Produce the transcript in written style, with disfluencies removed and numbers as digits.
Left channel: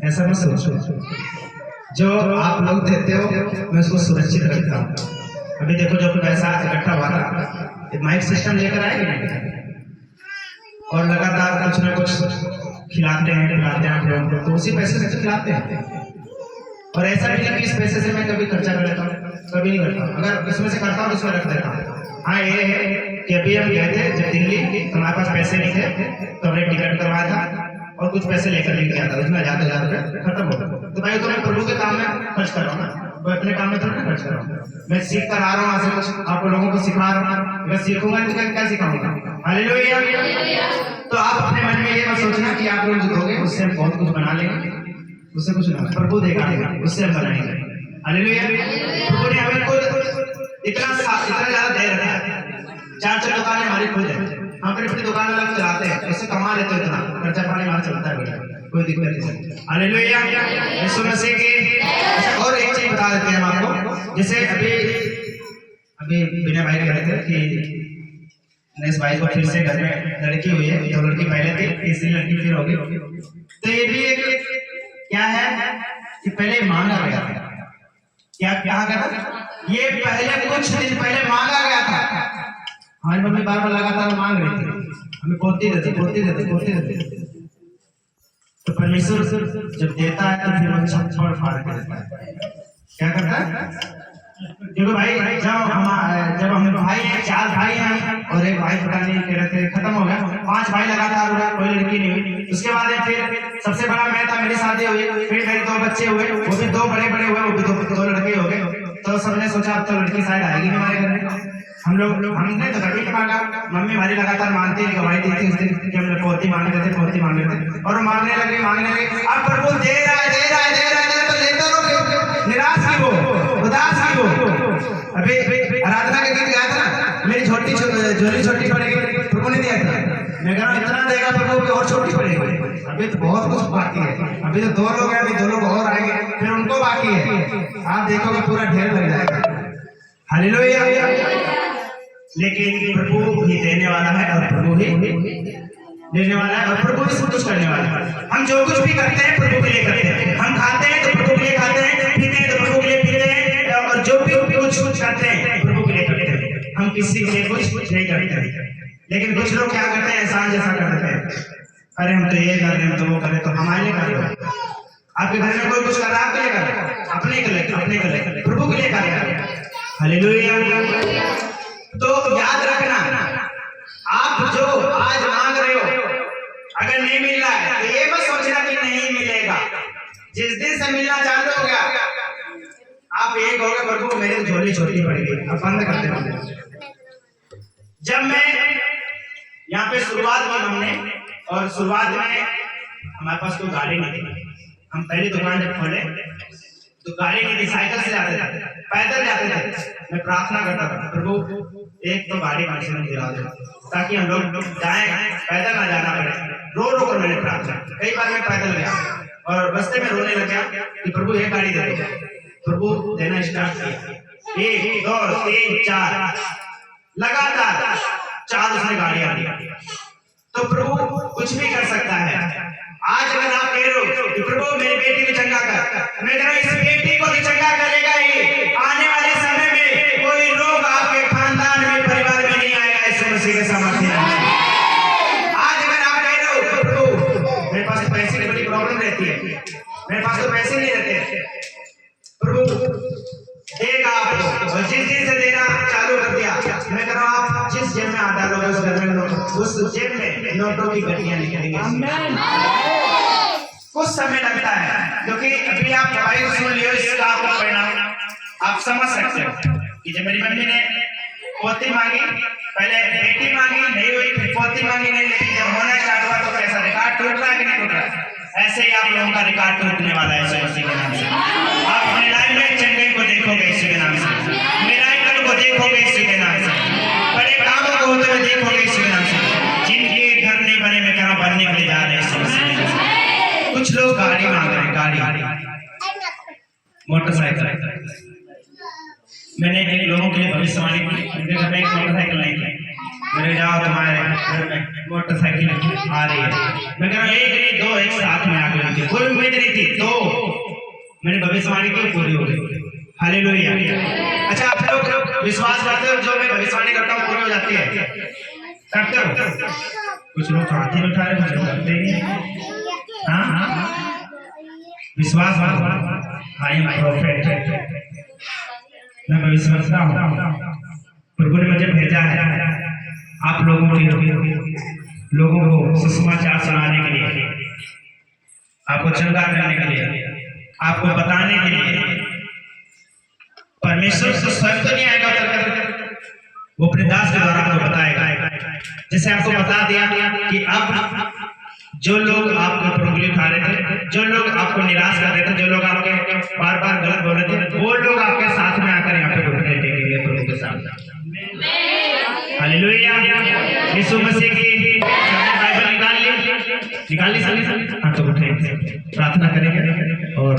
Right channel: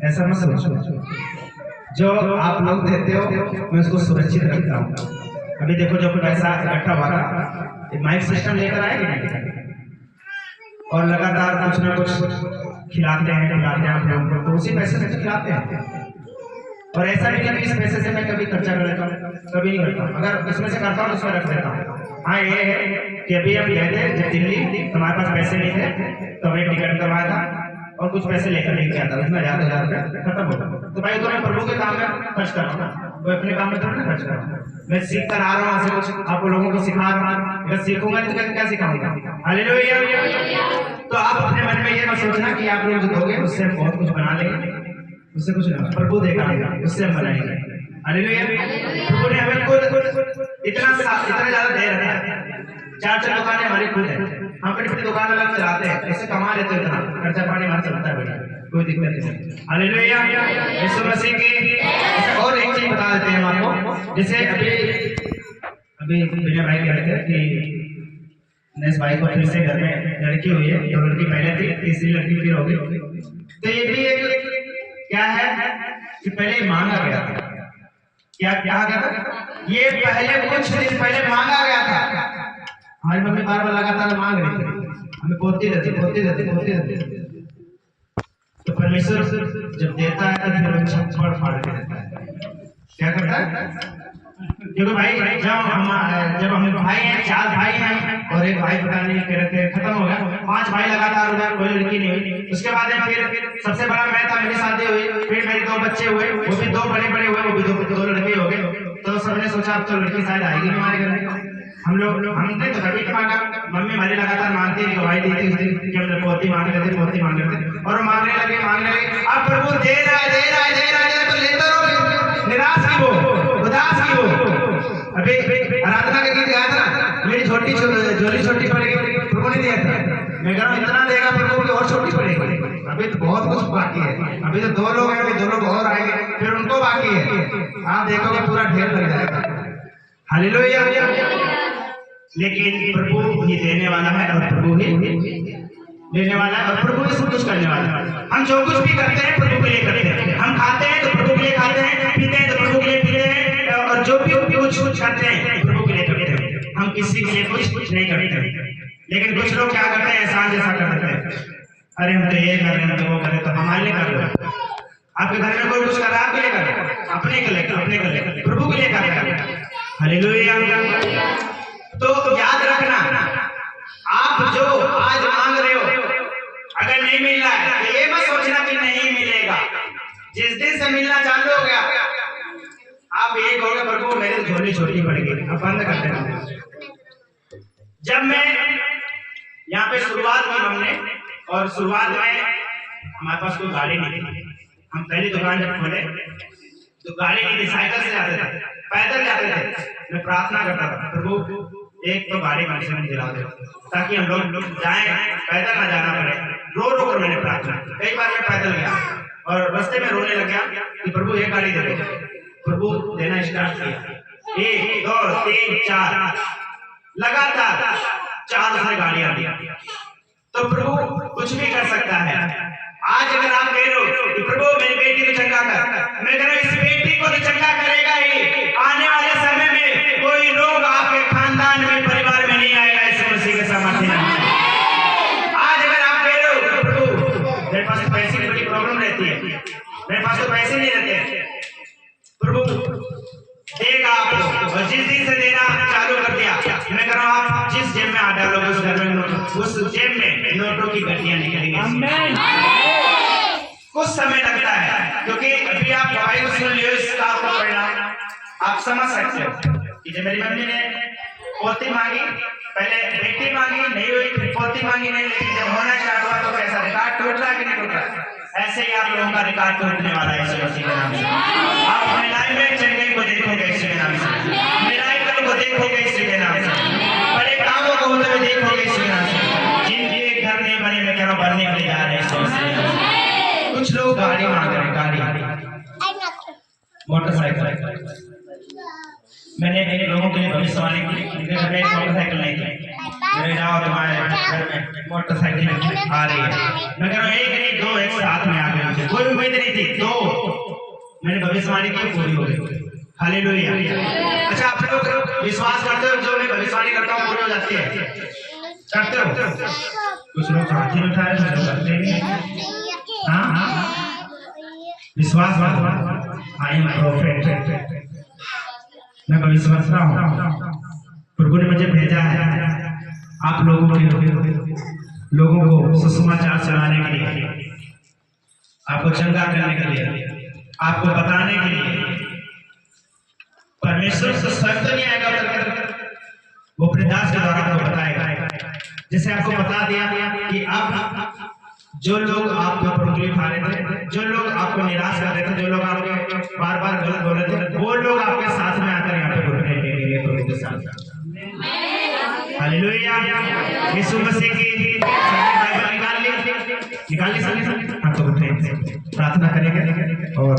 ऐसा मत सोचो, जो आप लोग देते हो मैं उसको सुरक्षित रखता हूँ। अभी देखो जो पैसा इकट्ठा हुआ था, माइक सिस्टम लेकर आए कि नहीं, और लगातार कुछ ना कुछ खिलाते हैं आप लोगों को, तो उसी पैसे से खिलाते हैं। और ऐसा नहीं कि इस पैसे से मैं कभी खर्चा करता हूँ, कभी नहीं करता। अगर इसमें से करता हूँ तो उसमें रख देता हूँ। हाँ ये है कि अभी हम गए थे जब दिल्ली, हमारे पास पैसे नहीं थे तो हमने टिकट करवाया था और कुछ पैसे लेकर लेके गया था, उसमें 1000 रुपया खत्म हो गया। तो भाई तो मैं प्रभु के काम में खर्च कर रहा हूँ ना, वो अपने काम में थोड़ा खर्च कर रहा हूँ। मैं सीख कर आ रहा हूँ, वहां से कुछ आप लोगों को सिखा रहा हूँ। अगर सीखूंगा तो क्या सिखाऊंगा? हालेलुया। तो आप अपने मन में ये मत सोचना कि आप लोग जो दोगे उससे हम बहुत कुछ बना लेंगे, उससे कुछ ना, प्रभु देगा उससे हम बनाएंगे। हालेलुया। प्रभु ने हमें खुद इतना ज्यादा दे रखा है। 4 दुकानें हमारी खुद है, हम अपनी दुकान अलग चलाते हैं, ऐसे कमा लेते हैं, इतना खर्चा पानी हमारा चलता है बढ़िया, कोई दिक्कत नहीं। हालेलुया। यीशु मसीह की और एक चीज बता देते हैं हम आपको। जैसे अभी विनय भाई कह रहे थे कि नेक्स्ट भाई को फिर से घर में लड़की हुई है, तो लड़की पहले थी, तीसरी लड़की फिर होगी। तो ये भी एक क्या है कि पहले मांगा गया था। क्या कहा गया था? ये पहले कुछ दिन पहले मांगा गया था। हमारी मम्मी बार बार लगातार मांग रही थी, हमें पोती रहती। तो परमेश्वर जब देता है तो फिर छप्पड़ फाड़ के देता है। क्या करता है? क्योंकि भाई जब हम भाई हैं, 4 भाई हैं और एक भाई पता नहीं कह रहे थे खत्म हो गया, 5 भाई लगातार हो गया, कोई लड़की नहीं हुई। उसके बाद फिर सबसे बड़ा मैं था, मेरी शादी हुई, फिर मेरे 2 बच्चे हुए, वो भी 2 बड़े हुए, वो भी 2 लड़के हो गए। तो सबने सोचा अब तो लड़की शायद आएगी हमारे घर में। हमने तो कभी नहीं मांगा, मम्मी हमारी लगातार मांगती थी, गवाही दी थी उस दिन कि हम पोती मांग रहे थे और वो मांगने लगे। अब प्रभु दे रहा है तो लेते रहो, निराश की हो, उदास की हो। अभी आराधना का गीत गाया था, मेरी झोली छोटी पड़ेगी, प्रभु ने दिया था। मैं कह रहा हूं इतना देगा प्रभु की और छोटी पड़ेगी। अभी तो बहुत कुछ बाकी है, अभी तो 2 लोग हैं, अभी 2 लोग और आएंगे, फिर उनको बाकी है। आप देखोगे पूरा ढेर लग जाएगा। हालेलुया। लेकिन प्रभु ही देने वाला है और प्रभु ही लेने वाला है और प्रभु ही सब कुछ करने वाला है। हम जो कुछ भी करते हैं प्रभु के लिए करते हैं, हम खाते हैं तो प्रभु के लिए खाते हैं, पीते हैं तो प्रभु के लिए पीते हैं, और जो भी कुछ करते हैं प्रभु के लिए करते हैं। हम किसी के लिए कुछ नहीं करते। लेकिन कुछ लोग क्या करते हैं, एहसान जैसा कर देते हैं, अरे हम तो ये कर रहे हैं, तो वो करें, तो हमारे लिए कर रहे हैं। आपके घर में कोई कुछ कर रहा है, आपके लिए कर रहा है, अपने के लिए, प्रभु के लिए कर रहा है। हालेलुया। तो याद रखना, आप जो आज मांग रहे हो अगर नहीं मिल रहा है तो ये मत सोचना कि नहीं मिलेगा। जिस दिन से मिलना चालू हो गया आप ये कहोगे प्रभु मेरी झोली छोटी पड़ गई, अब बंद कर देना। जब मैं यहाँ पे शुरुआत की हमने, और शुरुआत में हमारे पास कोई गाड़ी नहीं थी, हम पहली दुकान जब खोले तो गाड़ी नहीं थी, साइकिल से जाते थे, पैदल जाते थे। मैं प्रार्थना करता था प्रभु एक तो गाड़ी कम से कम दिला दो ताकि हम लोग जाएं, पैदल ना जाना पड़े। रो कर मैंने प्रार्थना, कई बार मैं पैदल गया और रास्ते में रोने लग गया कि प्रभु एक गाड़ी दे दो। प्रभु देना स्टार्ट किया, 1 2 3 4 लगातार 4 उसने गाड़ियां दी। तो प्रभु कुछ भी कर सकता है। आज अगर आप कह रहे हो कि प्रभु मेरी बेटी को चंगा कर, मैं कह रहा हूं इस बेटी को भी चंगा करेगा ही। आने वाले समय में कोई रोग आपके खानदान में, परिवार में नहीं आएगा, यीशु मसीह के सामर्थ्य। आज अगर आप कह रहे हो प्रभु मेरे पास पैसे की बड़ी प्रॉब्लम रहती है, मेरे पास तो पैसे नहीं रहते, प्रभु देगा आपको। और जिस दिन से देना चालू कर दिया, मैं कह रहा हूं आप जिस जेब में हाथ डालोगे उस घर में उस जेब में नोटों की गड्डियां निकलेंगी। कुछ समय लगता है क्योंकि अभी आप दवाई सुन लियो, इसका आपको परिणाम आप समझ सकते हो। कि जब मेरी मम्मी ने पोती मांगी, पहले बेटी मांगी नहीं हुई, फिर पोती मांगी नहीं, लेकिन जब होना स्टार्ट हुआ तो कैसा रिकॉर्ड टूट रहा है कि नहीं टूट रहा है? ऐसे ही आप लोगों का रिकॉर्ड टूटने वाला है यीशु मसीह के नाम से। आप अपने लाइफ में चंगाई को देखोगे यीशु के नाम से, मिराकल को देखोगे यीशु के नाम से, बड़े कामों को होते हुए देखोगे यीशु के नाम से। जिनके घर नहीं बने मैं कह रहा हूं बनने के लिए जा रहे हैं यीशु मसीह। कुछ लोग गाड़ी मांग रहे हैं, गाड़ी, मोटरसाइकिल। मैंने एक लोगों के लिए भविष्यवाणी की, उनके घर में एक मोटरसाइकिल नहीं थी, मेरे जाओ तुम्हारे घर में मोटरसाइकिल आ रही है। मैं कह रहा हूं 1 नहीं 2 एक साथ में आ गए, कोई उम्मीद नहीं थी, तो मैंने भविष्यवाणी की, पूरी हो गई। हालेलुया। अच्छा, आप लोग विश्वास करते हो जो मैं भविष्यवाणी करता हूँ पूरी हो जाती है? करते हो? कुछ लोग हाथ ही उठा रहे, कुछ लोग करते ही हैं। हाँ, विश्वास आई एम प्रोफेट, मैं भविष्यवक्ता हूँ। प्रभु ने मुझे भेजा है आप लोगों को सुसमाचार सुनाने के लिए, आपको चंगा करने के लिए, आपको बताने के लिए। परमेश्वर तो स्वयं तो नहीं आएगा, वो अपने दास के द्वारा आपको बताएगा। जैसे आपको बता दिया कि अब जो लोग आपके ऊपर उंगली उठा रहे थे, जो लोग आपको निराश कर रहे थे, जो लोग आपके बार बार गलत बोल रहे थे, वो लोग आपके साथ में आकर यहाँ पे घुटने टेकेंगे प्रभु के साथ। हालेलुया। यीशु मसीह की बाइबल निकाल ली सभी, हम तो उठे प्रार्थना करेंगे और